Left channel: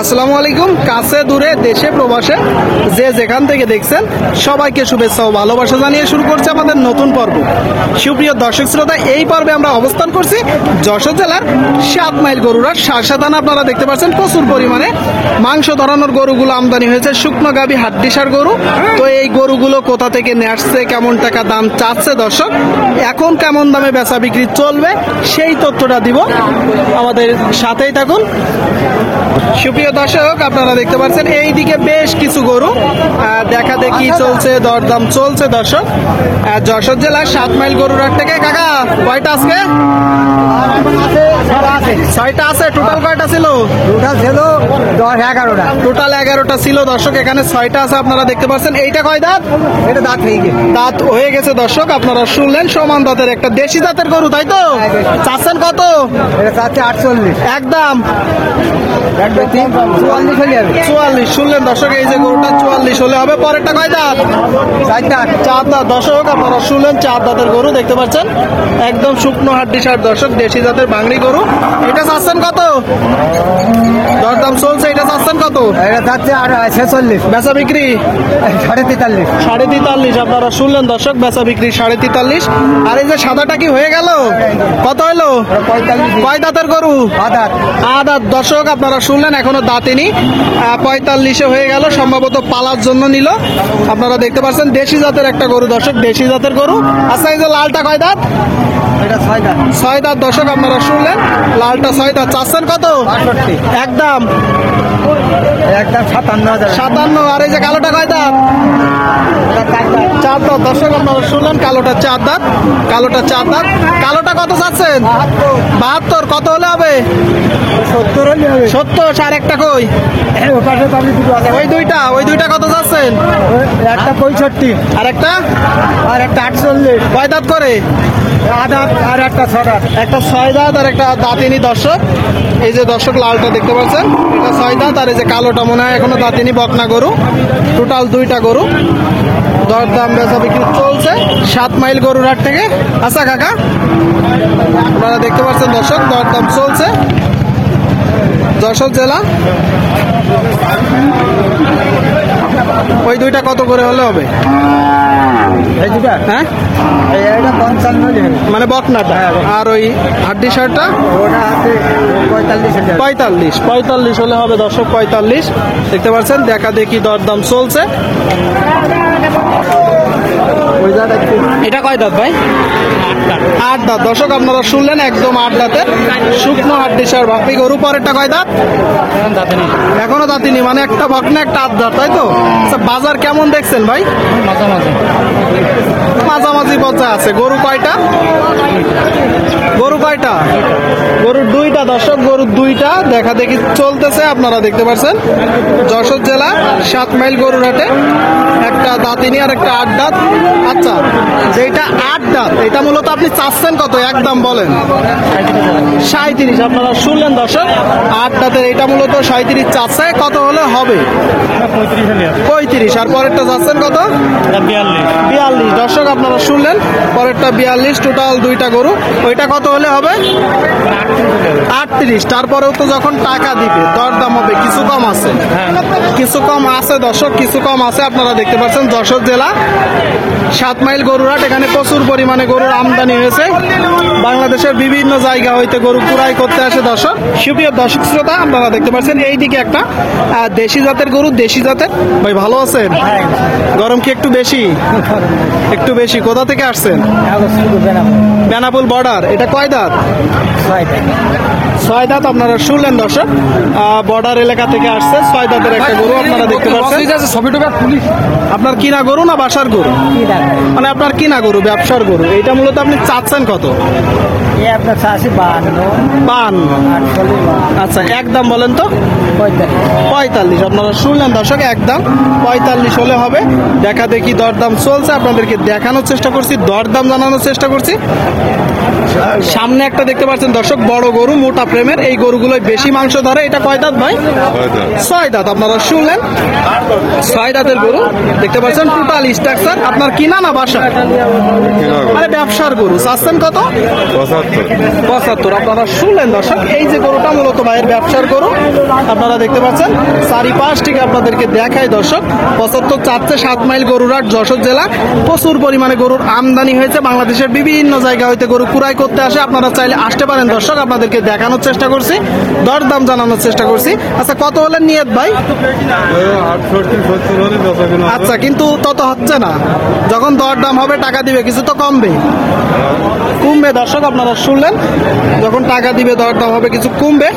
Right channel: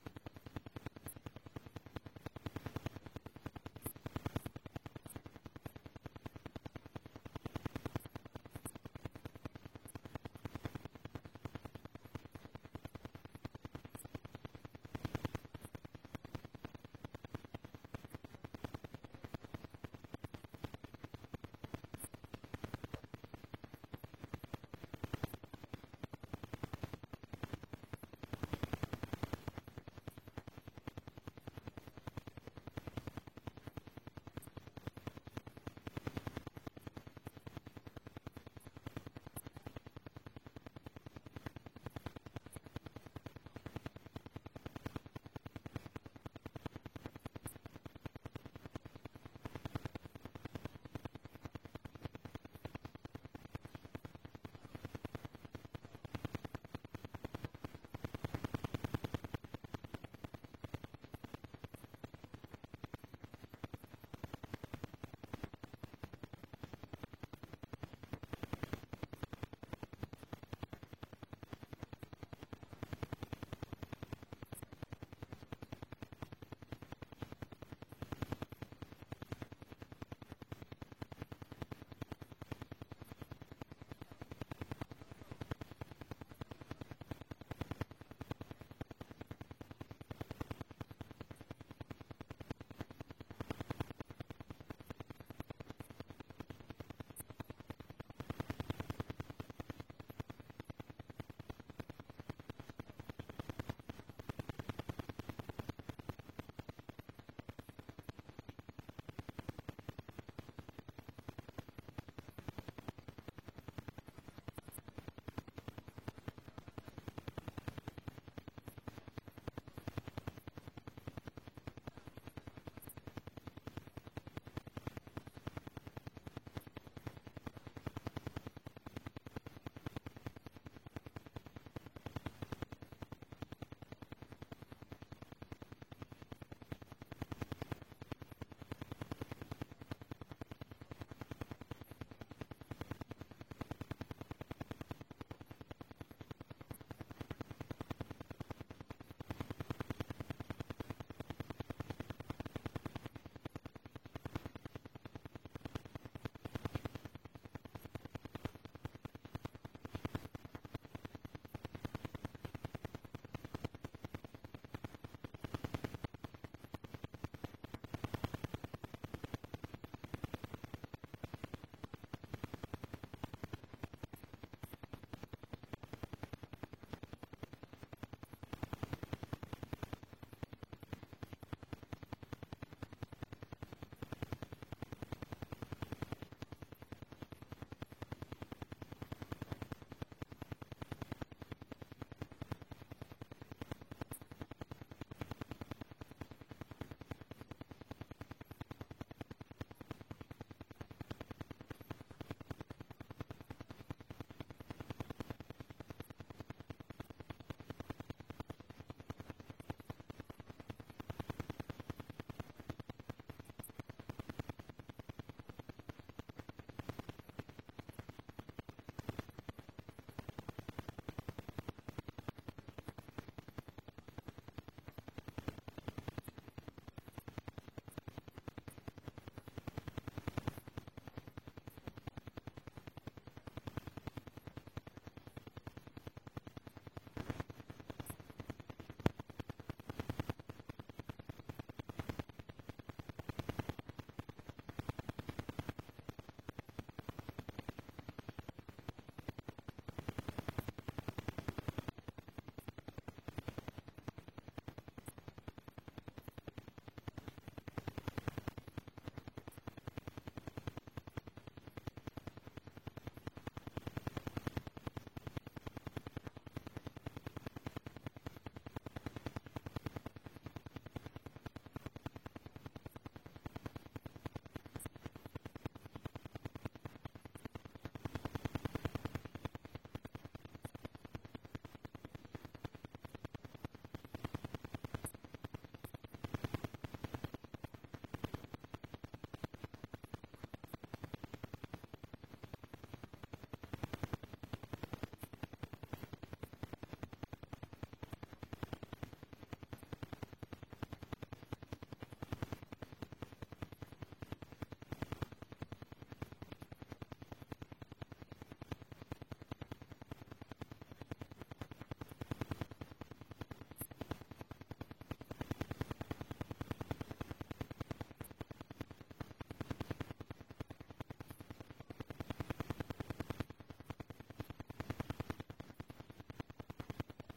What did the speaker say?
আসসালামু আলাইকুম। কাছে দূরে দেশে প্রবাসে যে যেখান থেকে দেখছেন সবাইকে শুভেচ্ছা ও ভালোবাসা জানিয়ে শুরু করছে আমাদের নতুন পর্ব। সুপ্রিয় দর্শক শ্রোতা, এই পর্বে আমরা অবস্থান করছি যশোর জেলার 7 মাইল গরুরার শাসাদানা। আপনারা দেখতে পাচ্ছেন প্রচুর পরিমাণে মাংস ধরানোর গরুগুলো আমদানি হয়েছে, শুকনো গাভী হাড্ডিসার গরু। তো এই গরুগুলো কোথা থেকে নিয়ে আসছে, কেমন টাকা দাম চাচ্ছে দর্শক, এখন কেমন দামে বেচা বিক্রি চলবে সেই তথ্যটা দিব, আমাদের সাথেই থাকুন। সুপ্রিয় দর্শক, আপনারা দেখতে পাচ্ছেন এইদিকে বেশ কিছু গরু দেখা দেখি চলছে, দরদাম চলছে দর্শক। যশোর জেলার 7 মাইল গরুর হাট থেকে। কাকা কয়টা আজকে? 6টা আছে। টোটাল কয়টা ছিল? টোটাল ছিল 11টা। টোটাল 11টা ছিল দর্শক, এখানে 6টা আছে। আপনারা দেখতে পাচ্ছেন এইটা কয় দাঁত? এটা দাঁত হয়ে গেছে। দাঁত হয়ে গেছে দর্শক, আপনারা শুনলেন। সমান দাঁতের একটা দেশি জাতের গরু, তাই তো? চাচ্ছেন কত? এটা চাচ্ছে 48। একদম 44 হলে যাবে। 44 শুনলেন দর্শক, এই যে গরুটা 44 হলে হবে। পরেরটা কয় দাঁত? 4 দাঁত। 4 দাঁত দর্শক, আপনারা শুনলেন 4 দাঁতের গরু দেখতে পাচ্ছেন, একদম শুকনো হাড্ডিসার দর্শক, দেশি জাতের বাংলি গরু। এটা চাচ্ছেন কত? দরদাম চলছে, এটা চাচ্ছেন কত? এটা চাচ্ছে আর 46। বেচা বিক্রি 43.5। 43.5 আপনারা শুনলেন দর্শক, বেচা বিক্রি 43.5। আর এই যে সাদাটা কি হয়ে গেল? কত হলো? 45। কয় দাঁতের গরু? দাঁত। আদাত দর্শক, আপনারা শুনলেন, এখনো দাঁতেনি। 45 হয়ে গেল, সম্ভবত পালার জন্য নিল। আপনারা দেখতে পাচ্ছেন দেশি জাতের একটা গরু দর্শক, দেশি জাতের গরু। আচ্ছা, এই যে লালটা কয় দাঁত? এটা 6 দাঁত। 6 দাঁত দর্শক, আপনারা শুনলেন, লালটা 6 দাঁত। চাচ্ছেন কত? 62। একদম একদম 57,000। 57। আর এই যে কালোটা কয় দাঁত? এটা 4 দাঁত। 4 দাঁত দর্শক, আপনারা শুনলেন, কালোটা 4 দাঁত। কালোটা 4 দাঁত। কালোটা কত চাচ্ছেন? 72। কত হলে হবে? 70 হলে হবে। 70। আর একটা কই? ও পাশে পাবলি দুটো আছে। ওই দুইটা কত চাচ্ছেন? একটা 65 আর একটা? আর একটা 48। কয় দাঁত করে? দাঁত আর একটা 6 দাঁত। একটা 6 দাঁত আর একটা দাঁতিনি দর্শক। এই যে দর্শক লালটা দেখতে পাচ্ছেন, এটা 6 দাঁত। আর এই যে কালোটা মনে হয় এখনো দাঁতিনি, বকনা গরু। টোটাল 2টা গরু। দরদাম বেচা বিক্রি চলছে 7 মাইল গরুর হাট থেকে। আচ্ছা কাকা, আপনারা দেখতে পাচ্ছেন দর্শক, দরদাম চলছে যশোর জেলা। ওই দুইটা কত করে হলে হবে? এই দুটো? হ্যাঁ, এটা 55 হলে হবে। মানে বকনাটা। আর ওই হাড্ডি শার্টটা ওটা আছে 45 হলে হবে। 45 হলে হবে দর্শক, 45 দেখতে পাচ্ছেন। দেখা দেখি দরদাম চলছে। ওই দাঁত একটু। এটা কয় দাঁত ভাই? 8 দাঁত দর্শক, আপনারা শুনলেন, একদম 8 দাঁতের শুকনো হাড্ডিসার বাকি গরু। পরেরটা কয় দাঁত? এখনো দাঁতিনি, মানে একটা বকনা একটা 8 দাঁত, তাই তো? আচ্ছা, বাজার কেমন দেখছেন ভাই? মাঝামাঝি পর্যায়ে আছে। গরু কয়টা? গরুর 2টা দর্শক, গরুর 2টা দেখা দেখি চলতেছে। আপনারা দেখতে পাচ্ছেন যশোর জেলা 7 মাইল গরুর হাটে একটা দাঁতিনি আর একটা 8 দাঁত। আচ্ছা, যেটা 8 দাঁত এটা মূলত আপনি চাচ্ছেন কত? একদম বলেন। 37 আপনারা শুনলেন দর্শক, 8 দাঁতের এটা মূলত 37 চাচ্ছে। কত হলে হবে? 35। আর পরেরটা চাচ্ছেন কত? 42 দর্শক, আপনারা শুনলেন, পরেরটা 42। টোটাল 2টা গরু। ওইটা কত হলে হবে? 38। তারপরেও তো যখন টাকা দিবে দরদাম হবে, কিছু কম আছে, কিছু কম আছে দর্শক, কিছু কম আছে। আপনারা দেখতে পাচ্ছেন যশোর জেলা 7 মাইল গরুর হাট, এখানে প্রচুর পরিমাণে গরুর আমদানি হয়েছে। বাংলাদেশের বিভিন্ন জায়গা হইতে গরু কুড়াই করতে আসে দর্শক। সুপ্রিয় দর্শক শ্রোতা, আপনারা দেখতে পাচ্ছেন এইদিকে একটা দেশি জাতের গরু। দেশি জাতের ভাই, ভালো আছেন? গরম কি একটু বেশি? একটু বেশি। কোথা থেকে আসছেন? বেনাপুল বর্ডার। এটা কয় দাঁত? 6 দাঁত। আপনারা শুনলেন দর্শক, বর্ডার এলাকা থেকে আসছে 6 দাঁতের একটা গরু। আপনারা দেখতে পাচ্ছেন। আপনার কিনা গরু না বাসার গরু? মানে আপনার কিনা গরু, ব্যবসার গরু। এইটা মূলত আপনি চাচ্ছেন কত? আপনার 52। আচ্ছা, একদম বলেন তো। 45 আপনারা শুনলেন দর্শক, একদম 45 হলে হবে। দেখা দেখি দরদাম চলছে, আপনাদেরকে দেখানোর চেষ্টা করছি, দরদাম জানানোর চেষ্টা করছি। সামনে একটা দেখতে পাচ্ছেন দর্শক, বড় গরু, মোটা প্রেমের, এই গরুগুলোই বেশি মাংস ধরে। এটা কয় দাঁত ভাই? 6 দাঁত। আপনারা শুনলেন, 6 দাঁতের গরু দেখতে পাচ্ছেন। টোটাল স্ট্রাকচার আপনার কিনা না বাসা? মানে ব্যবসার গরু। চাচ্ছেন কত? 75। আপনারা শুনলেন দর্শক, এই যে গরুটা মূলত ভাইয়ের ব্যবসার গরু। আপনারা দেখতে পাচ্ছেন চারিপাশ থেকে আপনাদেরকে দেখায় দর্শক। 75 চাচ্ছে। 7 মাইল গরুরহাট, যশোর জেলা। প্রচুর পরিমাণে গরুর আমদানি হয়েছে। বাংলাদেশের বিভিন্ন জায়গা হইতে গরু কুড়াই করতে আসে। আপনারা চাইলে আসতে পারেন দর্শক, আপনাদেরকে দেখানোর চেষ্টা করছি, দরদাম জানানোর চেষ্টা করছি। আচ্ছা, কত হলেন নিয়ত ভাই? আচ্ছা, কিন্তু তত হচ্ছে না। যখন দরদাম হবে টাকা দিবে, কিছু তো কমবে, কমবে দর্শক। আপনারা শুনলেন, যখন টাকা দিবে দরদাম হবে, কিছু কমবে।